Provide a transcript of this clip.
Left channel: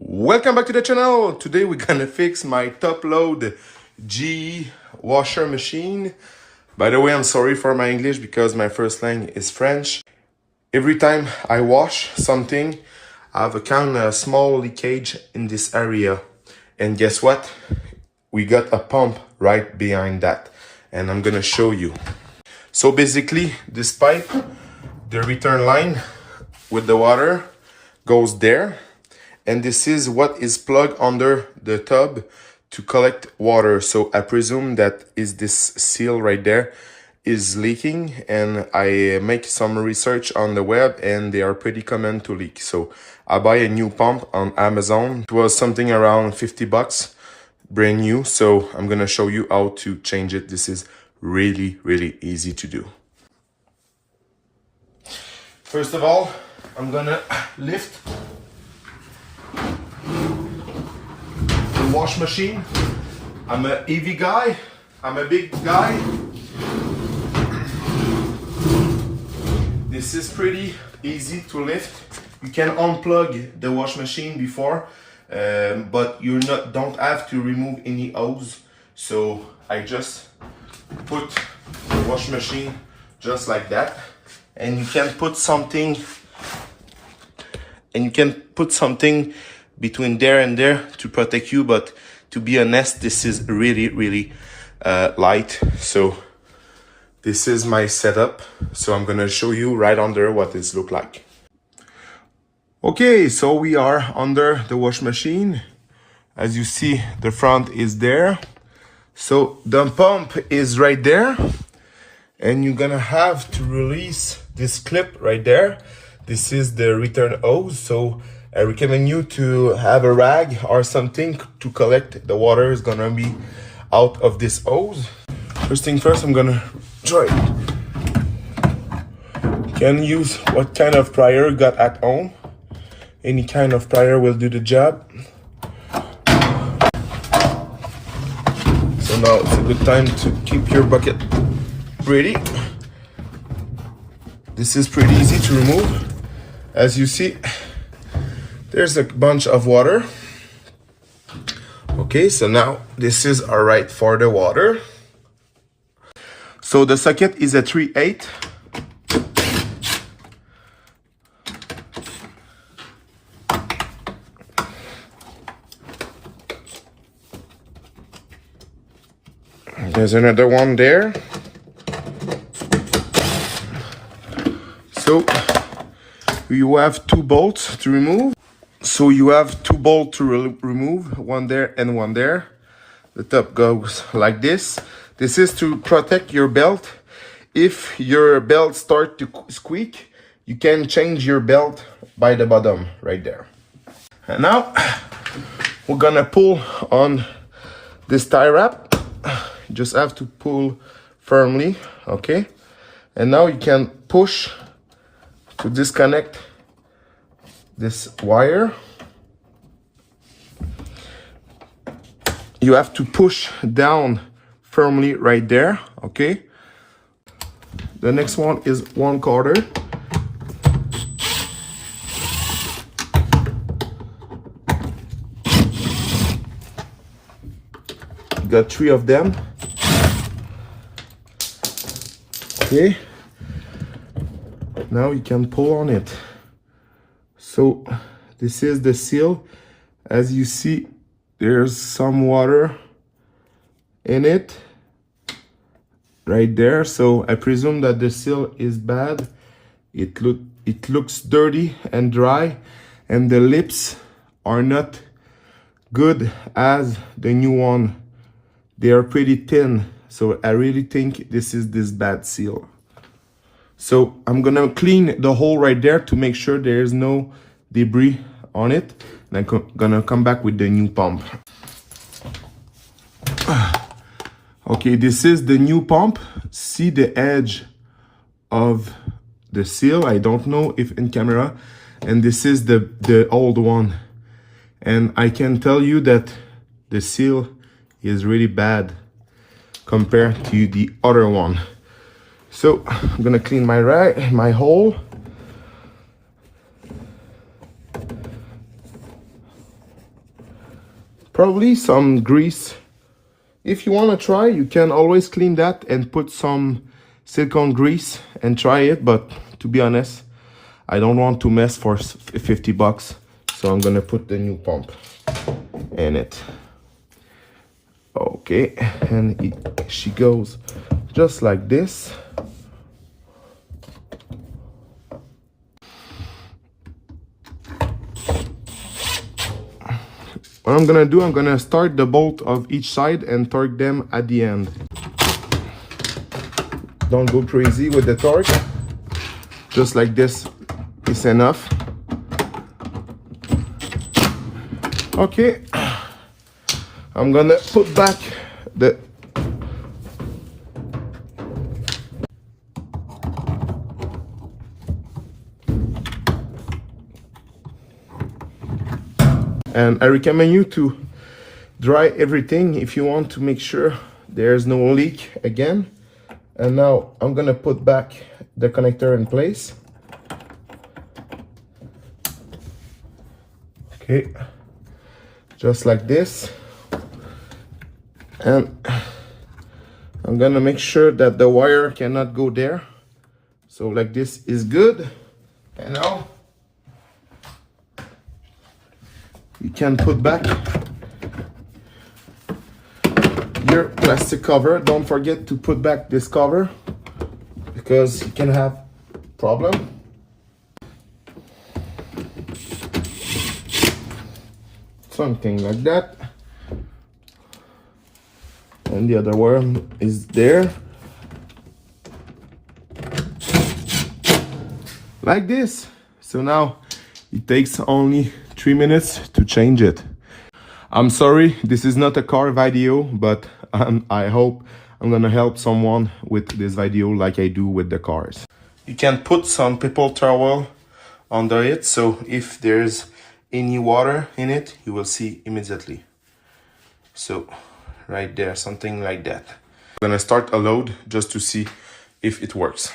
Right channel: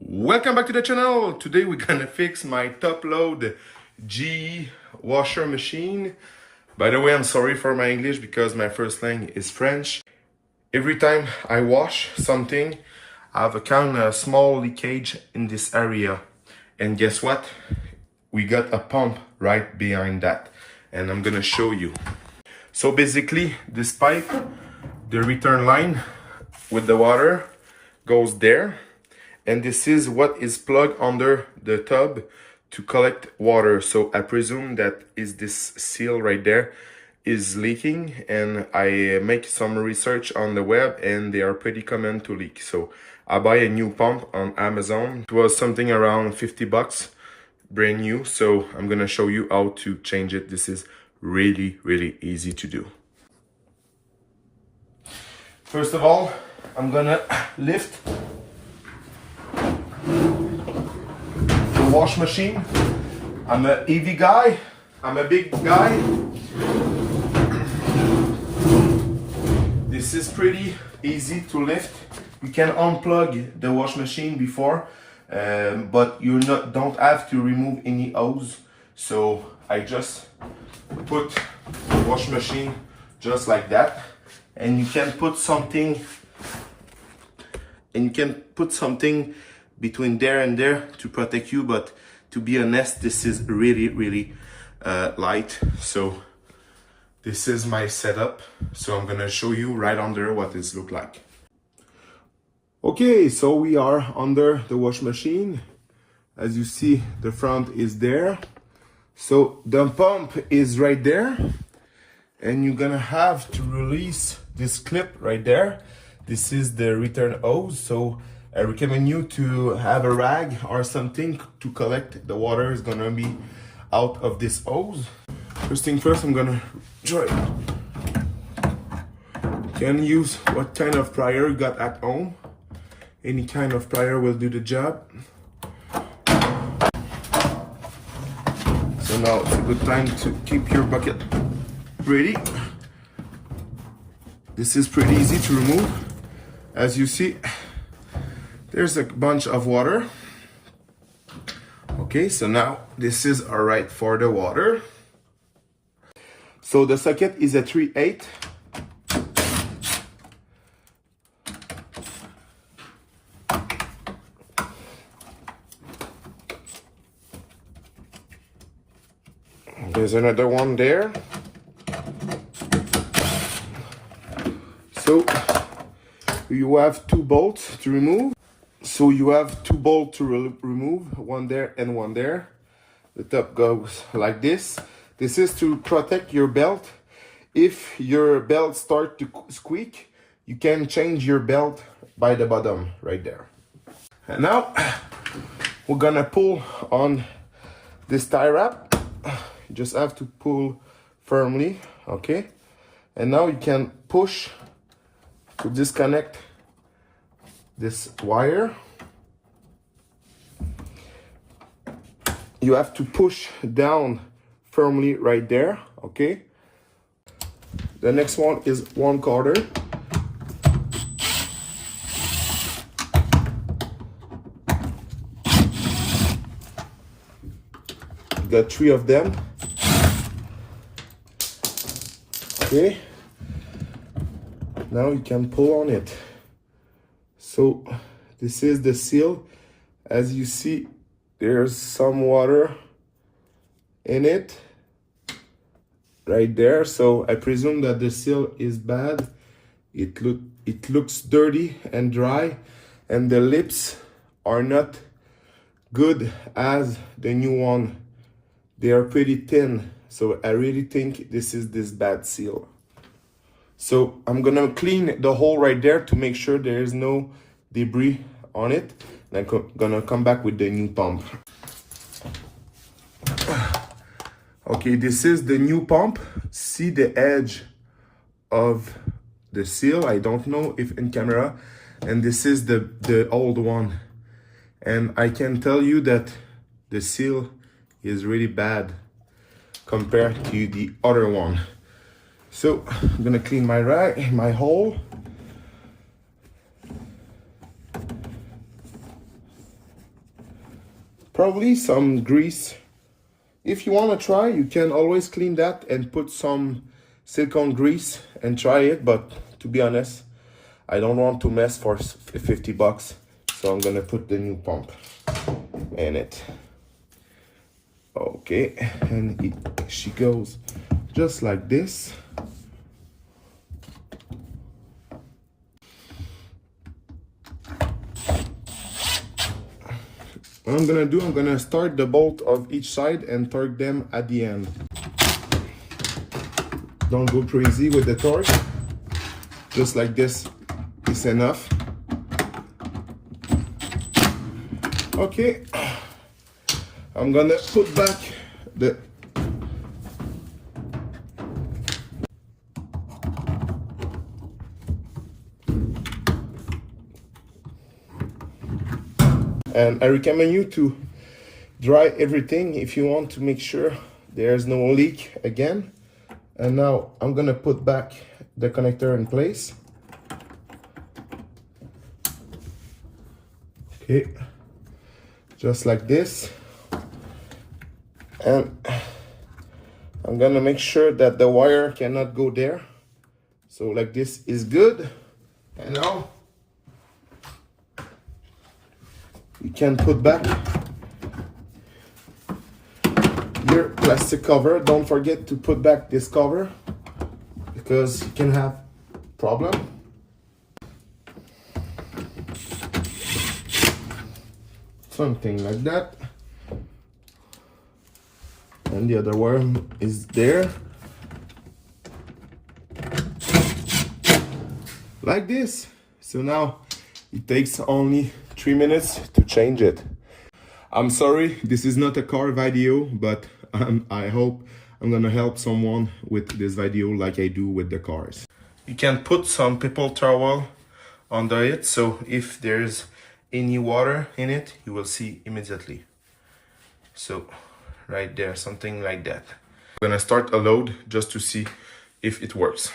Welcome back to the channel. Today we're gonna fix my top load GE washer machine. By the way, I'm sorry for my English because my first language is French. Every time I wash something, I have a kind of small leakage in this area. And guess what? We got a pump right behind that. And I'm gonna show you. So basically, this pipe, the return line with the water goes there. And this is what is plugged under the tub to collect water. So I presume that is this seal right there is leaking, and I make some research on the web and they are pretty common to leak. So I buy a new pump on Amazon. It was something around 50 bucks, brand new. So I'm gonna show you how to change it. This is really easy to do. First of all, I'm gonna lift the wash machine. I'm a heavy guy. I'm a big guy. This is pretty easy to lift. You can unplug the wash machine before, but you don't have to remove any hose. So I just put the wash machine just like that, and you can put something. Between there and there to protect you, but to be honest, this is really light. So this is my setup. So I'm gonna show you right under what this look like. Okay, so we are under the wash machine. As you see, the front is there. So the pump is right there, and you're gonna have to release this clip right there. This is the return hose. So I recommend you to have a rag or something to collect the water is gonna be out of this hose. First thing first, I'm gonna try it. You can use what kind of plier you got at home. Any kind of plier will do the job. So now it's a good time to keep your bucket ready. This is pretty easy to remove. As you see, there's a bunch of water. Okay, so now this is all right for the water. So the socket is a 3/8. There's another one there. So you have two bolts to remove. So you have two bolts to remove, one there and one there. The top goes like this. This is to protect your belt. If your belt starts to squeak, you can change your belt by the bottom right there. And now we're gonna pull on this tie wrap. You just have to pull firmly, okay? And now you can push to disconnect this wire. You have to push down firmly right there, okay? The next one is 1/4. You got 3 of them. Okay. Now you can pull on it. So this is the seal. As you see, there's some water in it right there. So I presume that the seal is bad. It looks dirty and dry, and the lips are not good as the new one. They are pretty thin. So I really think this is this bad seal. So I'm gonna clean the hole right there to make sure there is no debris on it. And I'm gonna come back with the new pump. Okay, this is the new pump. See the edge of the seal. I don't know if in camera. And this is the old one. And I can tell you that the seal is really bad compared to the other one. So I'm gonna clean my hole. probably some grease. If you want to try, you can always clean that and put some silicone grease and try it, but to be honest, I don't want to mess for 50 bucks, so I'm gonna put the new pump in it. Okay, and she goes just like this. What I'm gonna do, I'm gonna start the bolt of each side and torque them at the end. Don't go crazy with the torque. Just like this is enough. Okay, I'm gonna put back the and I recommend you to dry everything if you want to make sure there's no leak again. And now I'm gonna put back the connector in place. Okay, just like this. And I'm gonna make sure that the wire cannot go there. So like this is good. And now you can put back your plastic cover. Don't forget to put back this cover because you can have problem. Something like that. And the other one is there. Like this. So now it takes only 3 minutes to change it. I'm sorry, this is not a car video, but I hope I'm gonna help someone with this video like I do with the cars. You can put some paper towel under it, so if there's any water in it, you will see immediately. So right there, something like that. I'm gonna start a load just to see if it works.